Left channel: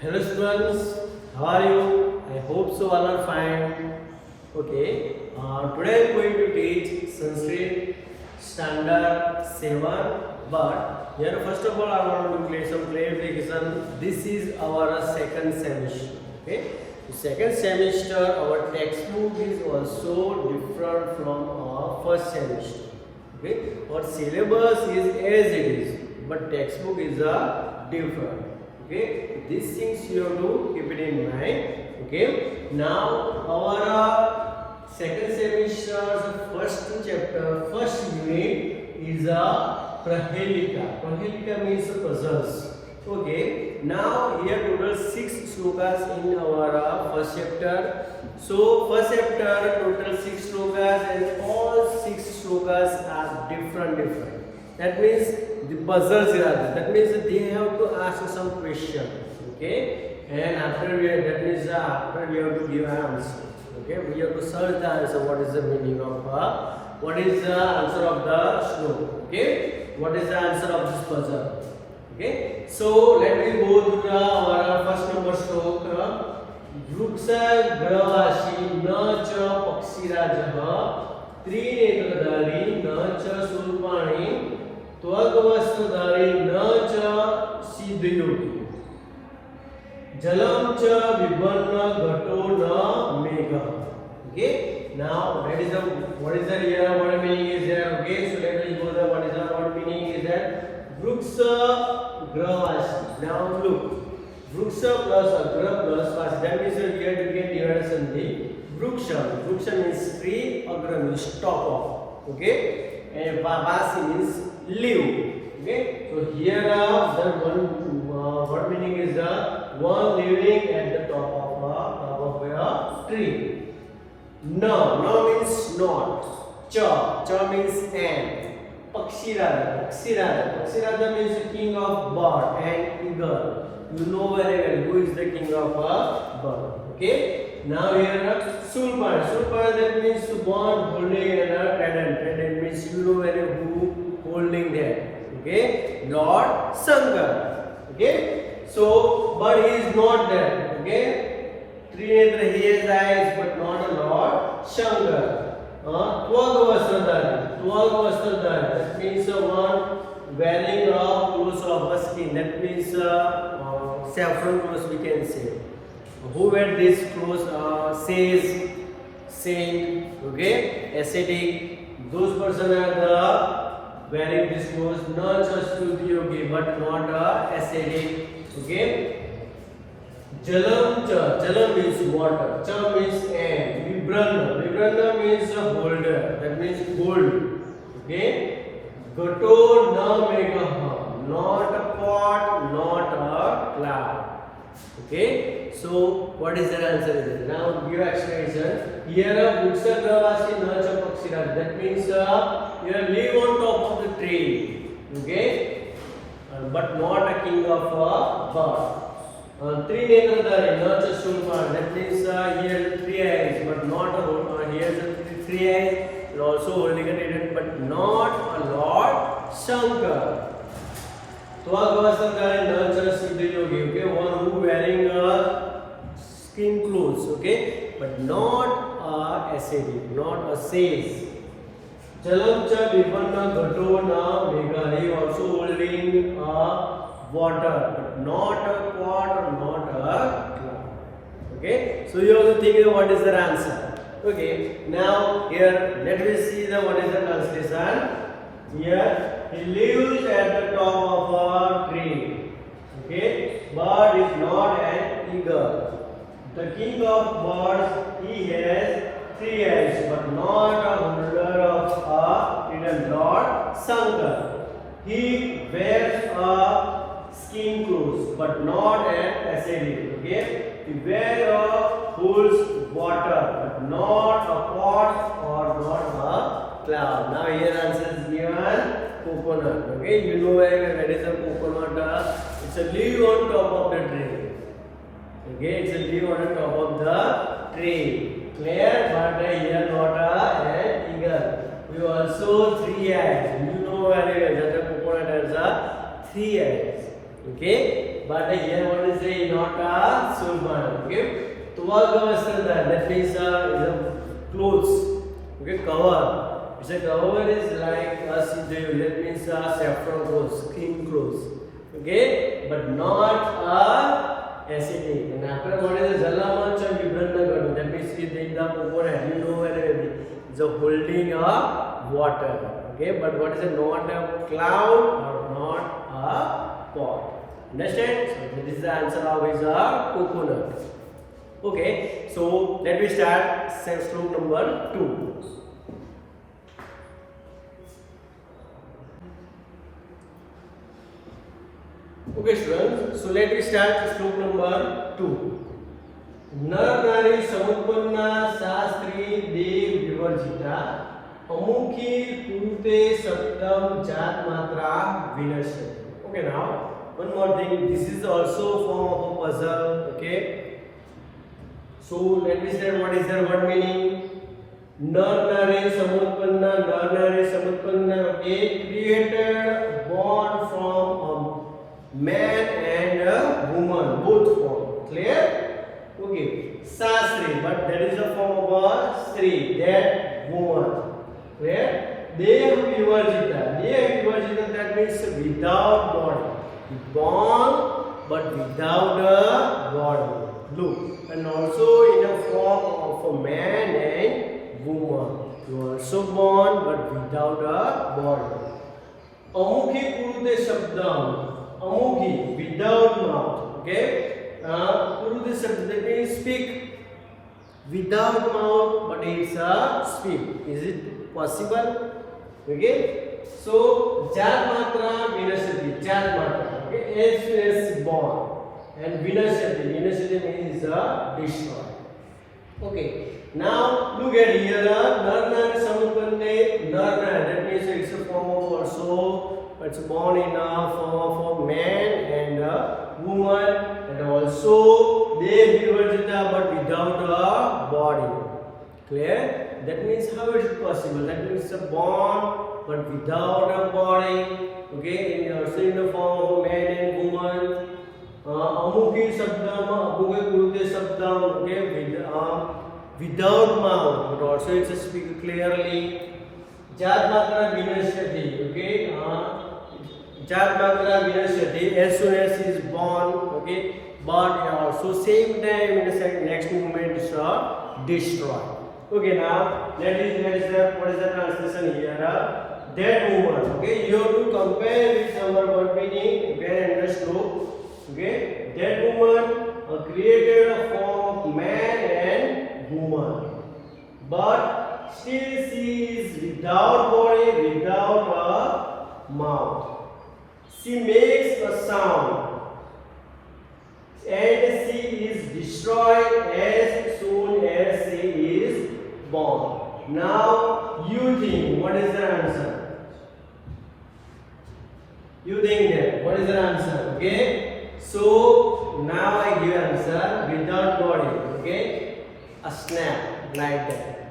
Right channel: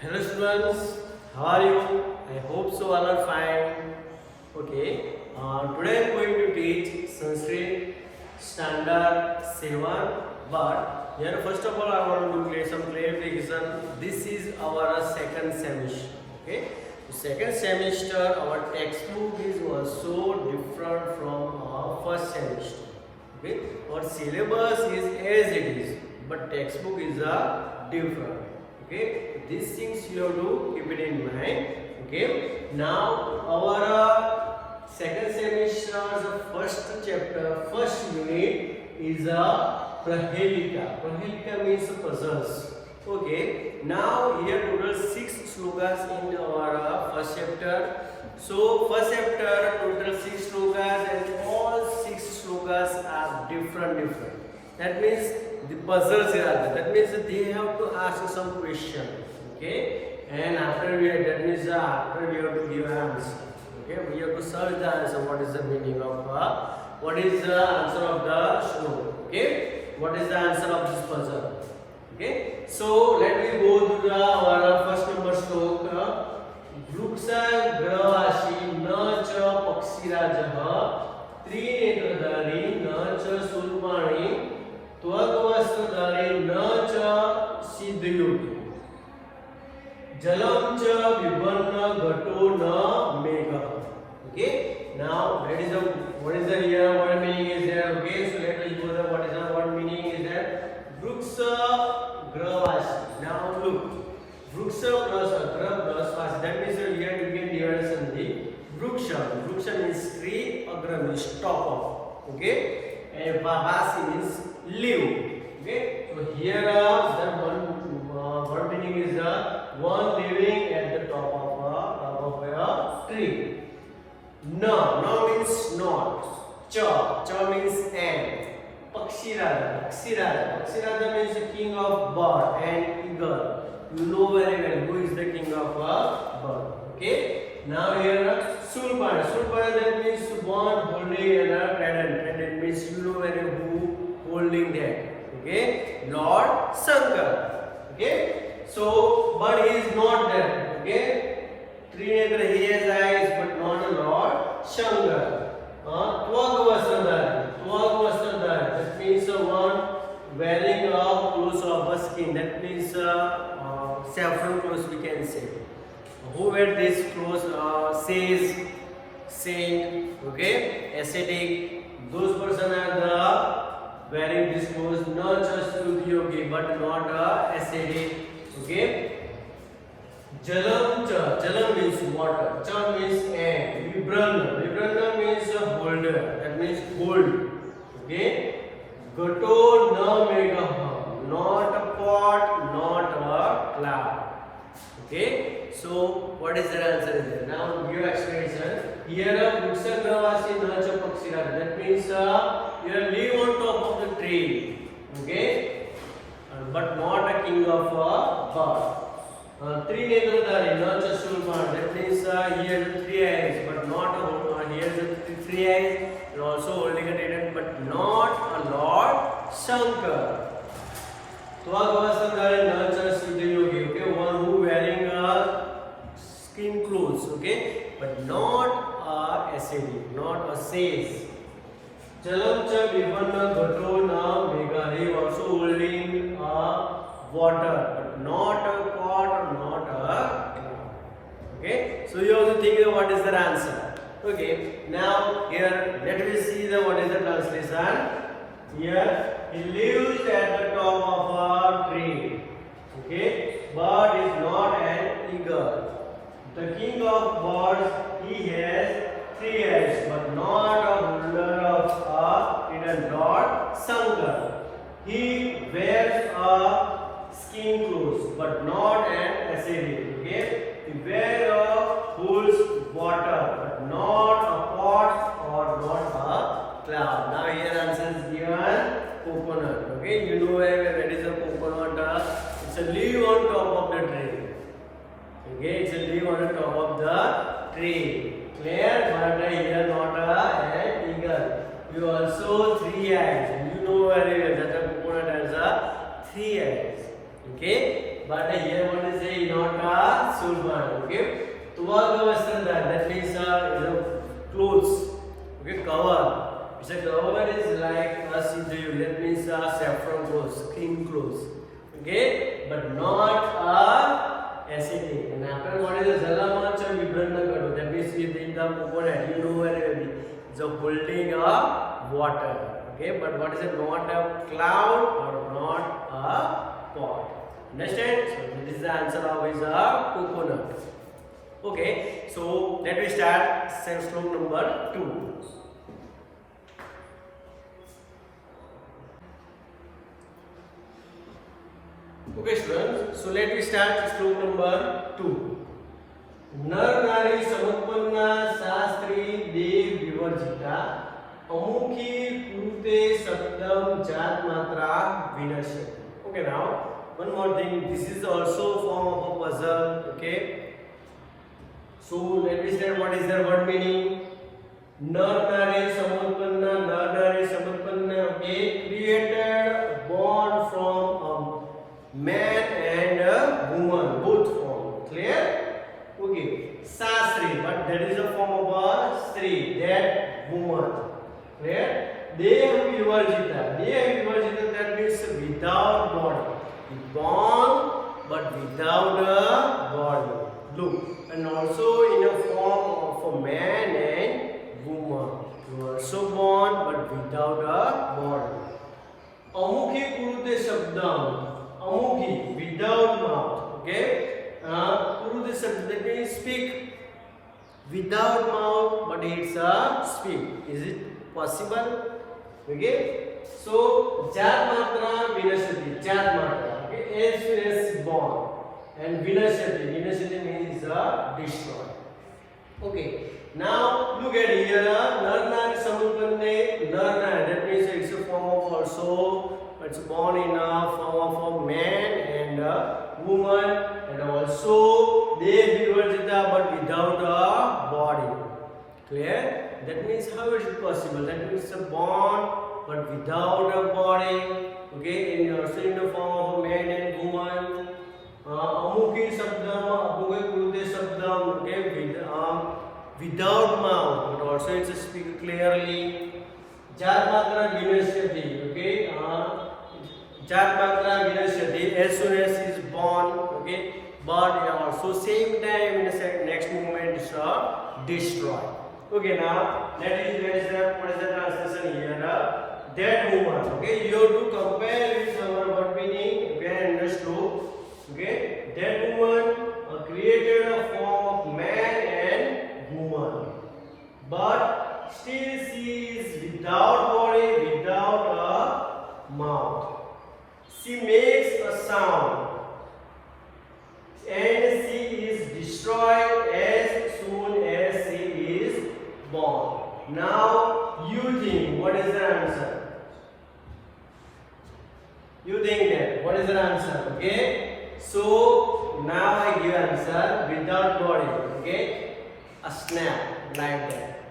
Hello students, how are you? I hope so all are fine. Okay, today I am going to teach Sanskrit Standard 7. But here first of all I want to clear some clarification. This is our second semester. Okay, the second semester our textbook is also different from our first semester. Okay, our syllabus is as it is, but textbook is different. Okay, these things you have to keep it in mind. Okay, now our second semester first chapter, first unit is a Prahelika. Prahelika means puzzles. Okay, now here total 6 slokas in our first chapter. So first chapter total 6 slokas and all 6 slokas are different. That means the puzzles are there. That means they have to ask some question. Okay, and after we that means after we have to give an answer. Okay, we have to search the answer. What is the meaning of what is the answer of the slok? Okay, what is the answer of this puzzle? Okay, so let me go to our first number slok. वृक्ष ग्रवासी न च पक्षीराजः त्रिनेत्रधारी न च शूलपाणि त्वग्वस्त्रधारी न च सिद्धयोगी जलम च विभन्न घटो न मेघः. Okay, now that is the what is the here what meaning is there. Okay, so let us go the what is the what meaning is that vruksha gravasi. Now look, vruksha plus agra plus vasi, that means that here you can divide sandhi. Vruksha means tree, agra means top of. Okay, and vasi means leaf. Okay, so here the one meaning is the one living at the top of a tree. No means not. Cha means and. Pakshiraja means the king of bird and eagle. You know very well who is the king of a bird. Okay. Now here Sulpan that means one holding a trident means you know very who holding that. Okay. Lord Shankar. Okay. So but he is not there. Okay. Trinetra, he has eyes but not a Lord Shankar. Tvagvastradhari, that means one wearing a clothes of a skin. That means saffron clothes we can say. Who wear this clothes says saint, okay, ascetic. Those person are the wearing this clothes, not just yogi but not ascetic. Okay. Jalam means water, cha means and, Vibranna means a holder, that means gold. Okay, Gato na megaha, not a pot, not a cloud. Okay, so what is the answer there? Now give explanation. Here Vruksha gravasi na cha pakshiraj, that means here live on top of the tree. Okay, but not a king of a bird. Trinetradhari, not just Sulpan. That means here 3 eyes, but not here 3 eyes, and also holding a trident, but not a Lord Shankar. Tvagvastradhari, not just Siddhayogi. Okay, one who wearing skin clothes. Okay, but not a ascetic, not a sage. Jalam cha vipanna gato na megha. He also holding water, but not a pot or not a cloud. Okay, so you have to think what is the answer. Okay, now here let me see the what is the translation. Here he lives at the top of a tree. Okay, bird is not an eagle. The king of birds, he has 3 eyes, but not a holder of a hidden Lord Shankar. He wears a skin clothes, but not an ascetic. Okay, the wearer holds water, but not a pot or not a cloud. Now here answer is given coconut. Okay, you know where is a coconut? It's a leaf on top of the tree. Okay, it's a leaf on the top of the tree. Clear? But here not an eagle. You also 3 eyes. You know very well that the coconut has 3 eyes. Okay, but here what is a not a surban. Okay, tuvaga vastra, that means is a clothes. Okay, cover. It's a cover is like a sijayu. That means a saffron clothes, clean clothes. Okay, but not a acidic. And after what is a jalamanch or vibranta. That means it in the over having nowhere. It's a holding a water. Okay, but what is a not a cloud or not a pot? Understand? So this is the answer of is a coconut. Okay, so let me start slope number 2. Okay students, so let me start slope number 2. नर नारी समुत्पन्ना शास्त्री देव विवर्जिता अमुखी कुरुते शब्दम जात मात्रा विनश्यति. Okay, now one more thing, this is also form of a puzzle. Okay, so let me say what is the word meaning. Nar nari samutpanna, nar nari samutpanna. Okay, created born from a man and a woman, both form. Clear? Okay, Sastri, but that is a form of a Sri, that woman. Clear? Deha Vivarjita. Deha Vivarjita, that means without body. Born but without a body. Look, and also in a form of a man and woman. You are also born but without a body. Amukhi Kurute Shabdam. Amukhi, without mouth. Okay? Kurute Shabdam, that means speak without mouth, but it's a speak. Is it possible? Okay? So, Jat Matra Vinashati. Jat Matra. Okay? As soon as born. And Vinashati. Vinashati means destroy. Okay. Now, look at here. Narna Samutpanne. Narna. That means it's a form of also. It's born in a form of a man and a woman. And also, they Vivarjita but without a body. Clear? That means how is it possible? That means it's a born but without a body. Okay, also in the form of a man and woman. Amukhi Sabdam, Amukhi Kurute Sabdam. Okay, without mouth, but also it's a speak clearly. Jat Matra Vinashyati. Okay, Jat Matra Vinashyati. As soon as he is born. Okay, but also same time in the next movement is destroy. Okay, now what is the translation here? That woman. Okay, you have to compare this word meaning. Okay, understood. Okay, that woman created a form of man and woman, but still she is without body, without a mouth. She makes a sound, and she is destroyed as soon as she is born. Now you think, what is the answer? You think that, what is the answer? Okay, so now I give answer without body. Okay, a snap like that.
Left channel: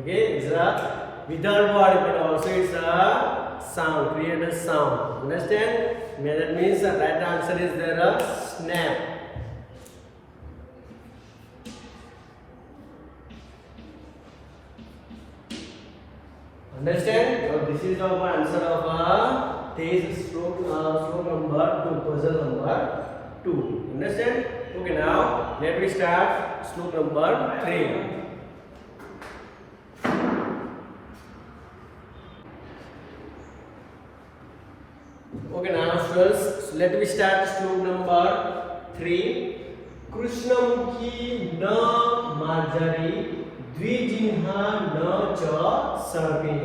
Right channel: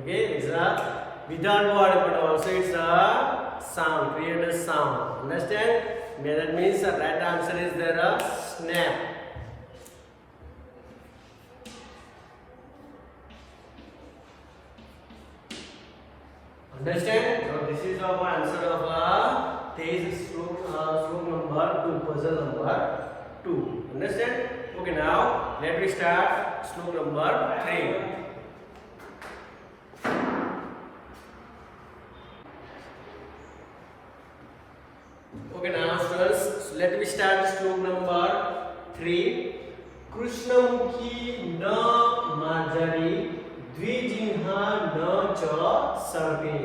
Okay, it's a without body, but also it's a sound, create a sound. Understand? That means the right answer is there a snap. Understand? So this is our answer of a test stroke number 2, puzzle number 2. Understand? Okay, now let me start stroke number 3. Okay, now students, let me start stroke number 3. Krishnamukhi na marjari Dvijinha na cha sarve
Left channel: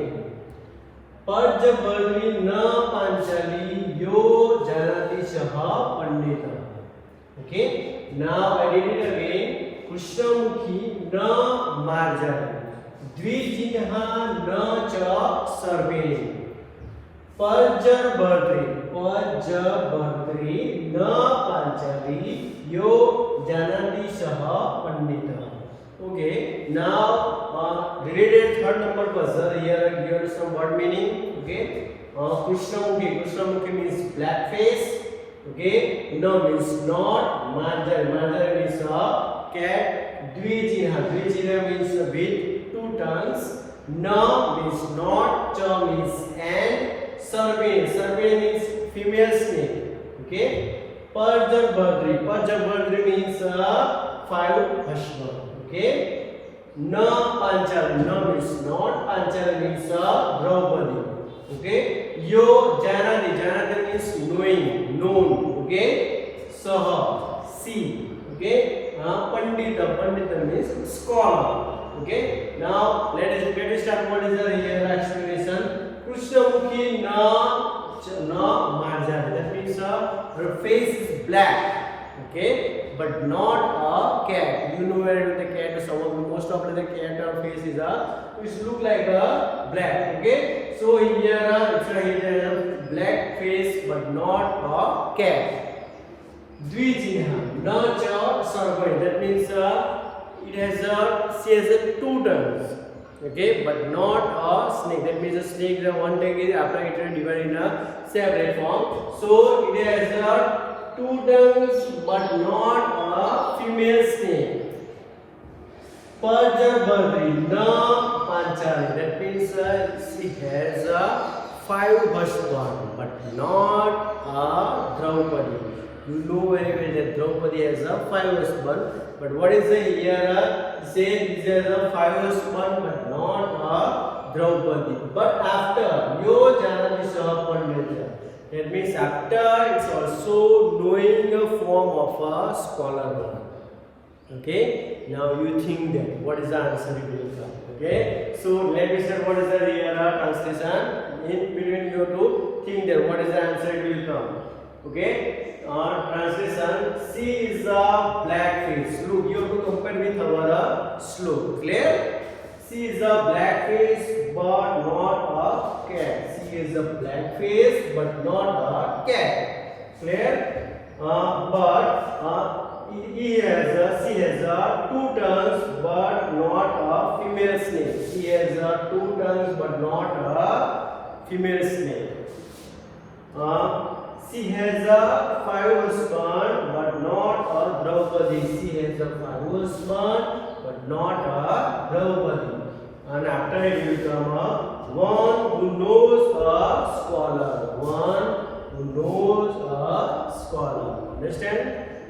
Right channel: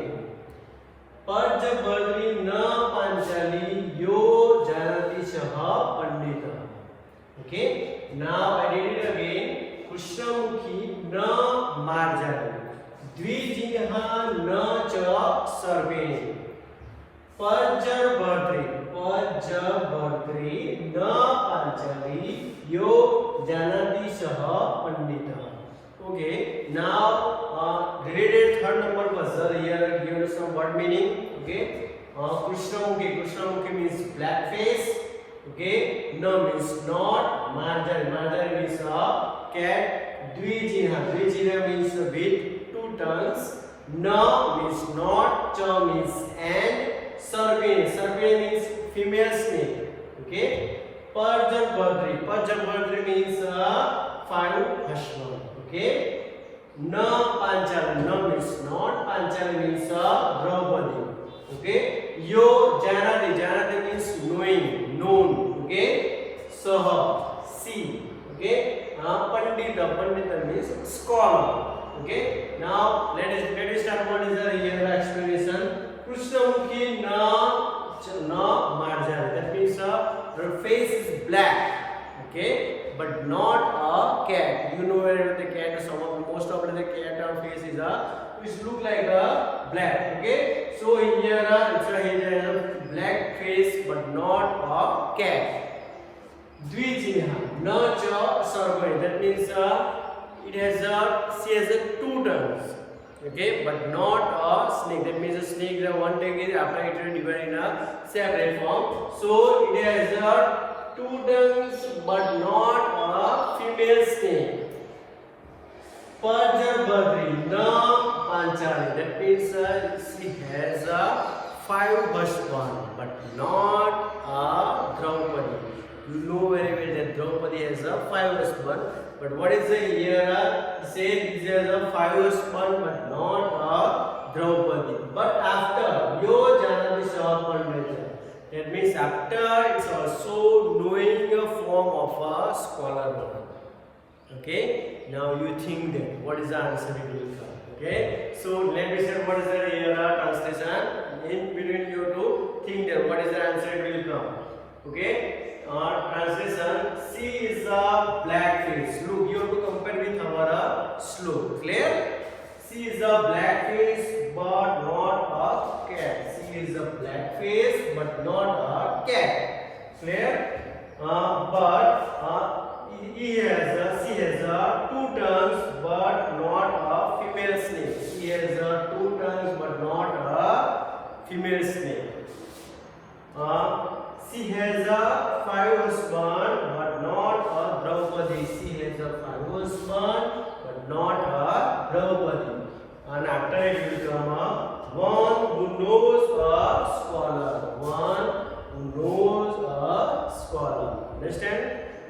Pajabadri na panchali yo janati saha pandita. Okay, now I read it again. Krishnamukhi na marjari Dvijinha na cha sarve Pajabadri na panchali yo janati saha pandita. Okay, now related third number puzzle here given some word meaning. Okay, Krishnamukhi. Krishnamukhi means black face. Okay, no means not. Marjari, marjari means a cat. Dvijina, dvijina means with two tongues. Na means not. Cha means and. Sarpini, sarpini means female snake. Okay. Pajabhadri, pajabhadri means five husband. Okay. Na Panchali, na means not. Panchali means Draupadi. Okay. Yo Janadi, Janadi means knowing, known. Okay. Saha, see. Okay. Pandita, pandita means scholar. Okay. Now let us start. What is the here explanation? Krishnamukhi na marjan. That means her face is black. Okay, but not a cat. You know where the cat, some of the most of the cat or face is which look like a black. Okay, so here it's a black face but not a cat. Dvijinha, na cha sarpani. That means it has she has two tongues. Okay, but not a snake. That means a snake, the one tongue is after it divided in a separate form. So it has two tongues but not a female snake. Pajabhadri, na Panchali. That means she has five husbands but not a Draupadi. You know very well that Draupadi has five husbands. But what is the here? Say there are five husbands but not a Draupadi. But after Yo Janadi Saha, that means after it's also knowing a form of a scholar one. Okay, now you think that what is the answer it will come. Okay, so let me say what is the here translation. In between you to think that what is the answer it will come. Okay, translation. C is a black face. Look, you have to compare with our slope. Clear? C is a black face but not a cat. C is a black face but not a cat. Clear? She has two tongues but not a female snake. She has two tongues but not a female snake. She has five husbands but not a Draupadi. She has five husbands but not a Draupadi. And after it will come one who knows a scholar. One who knows a scholar. Understand?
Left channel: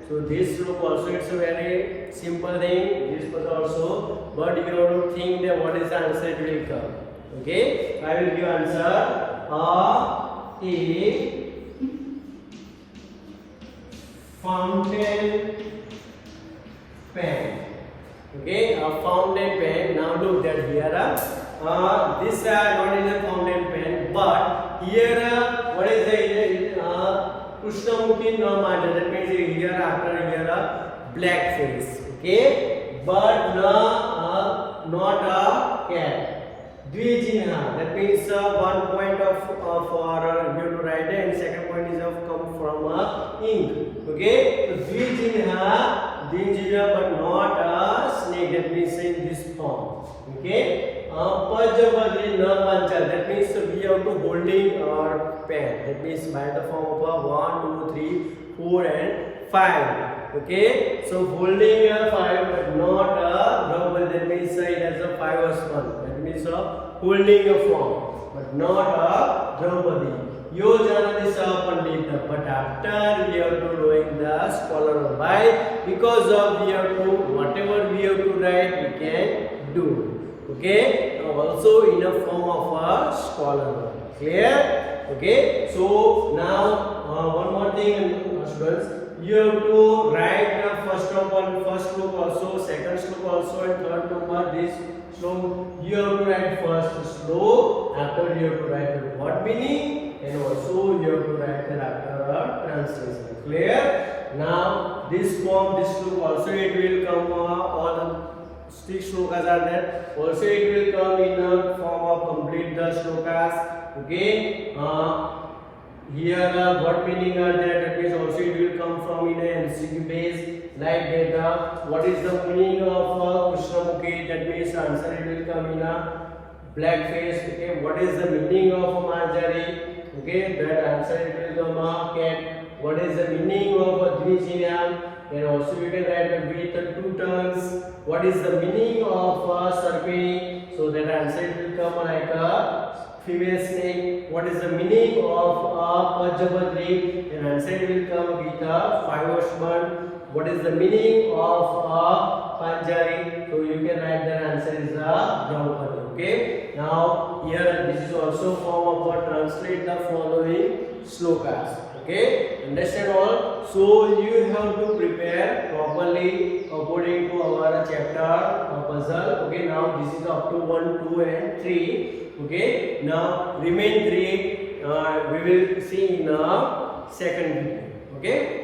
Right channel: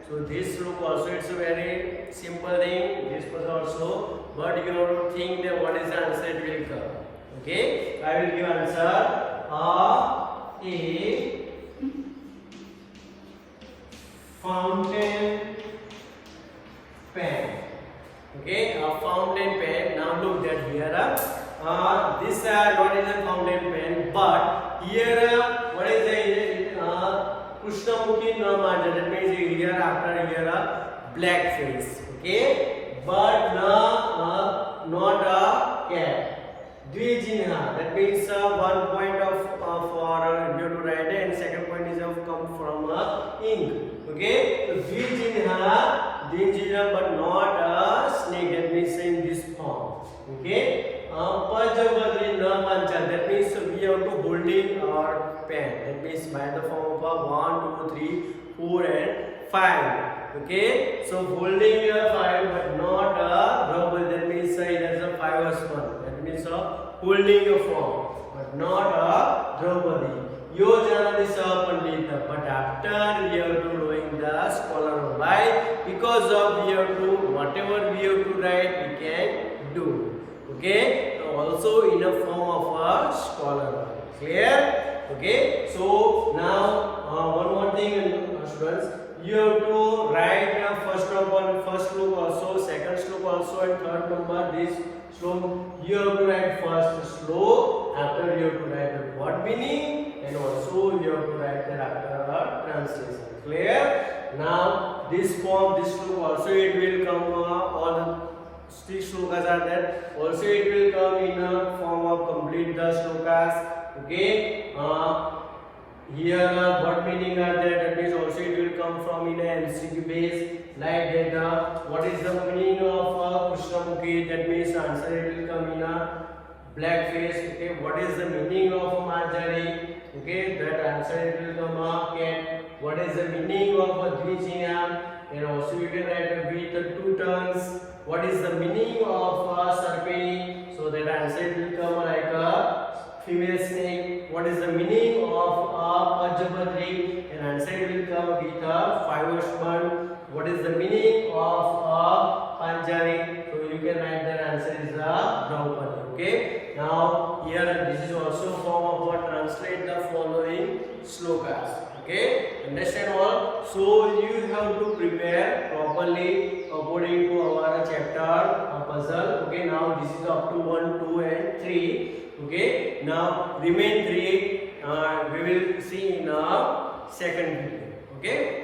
So this look also it's a very simple thing. This was also, but you have to think that what is the answer it will come. Okay? I will give answer. A fountain pen. Okay, a fountain pen. Now look that here. This what is a fountain pen, but here what is the Krishnamukhi na marjan. That means here after here black face. Okay, but not a cat. Dvijinha, that means 1 point of you have to write it, and second point is of come from ink. Okay, so Dvijinha but not a snake. That means in this form. Okay, Pajabhadri na Panchali. That means we have to holding our pen. That means by the form of 1, 2, 3, 4 and 5. Okay, so holding a 5 but not a Draupadi. That means it has a 5 husband. That means holding a form but not a Draupadi. Yo Janadi Saha Pandita. But after we have to knowing the scholar. Why? Because of we have to whatever we have to write we can do. Okay, also in a form of a scholar. Clear? Okay, so now one more thing, students. You have to write first slope also, second slope also, and third number this slope. You have to write first slope, after you have to write the word meaning, and also you have to write the after the translation. Clear? Now this form, this slope also it will come all the 6 slokas are there. Also it will come in a form of complete the slokas. Okay. Here what meaning are there? That means also it will come from in a MCQ base like that. What is the meaning of Krishnamukhi? That means answer it will come in a black face. Okay, what is the meaning of Marjari? Okay, that answer it will come cat. What is the meaning of a Dvijinam? And also you can write with two tongues. What is the meaning of a Sarpini? So that answer it will come like a female snake. What is the meaning of a Pajabadri? And answer it will come with a five horseman. What is the meaning of a Panjari? So you can write that answer is a Draupadi. Okay. Now here this is also form of a translate the following slokas. Okay. Understand all? So you have to prepare properly according to our chapter puzzle. Okay. Now this is up to 1, 2 and 3. Okay. Now remain 3. We will see in a second video. Okay.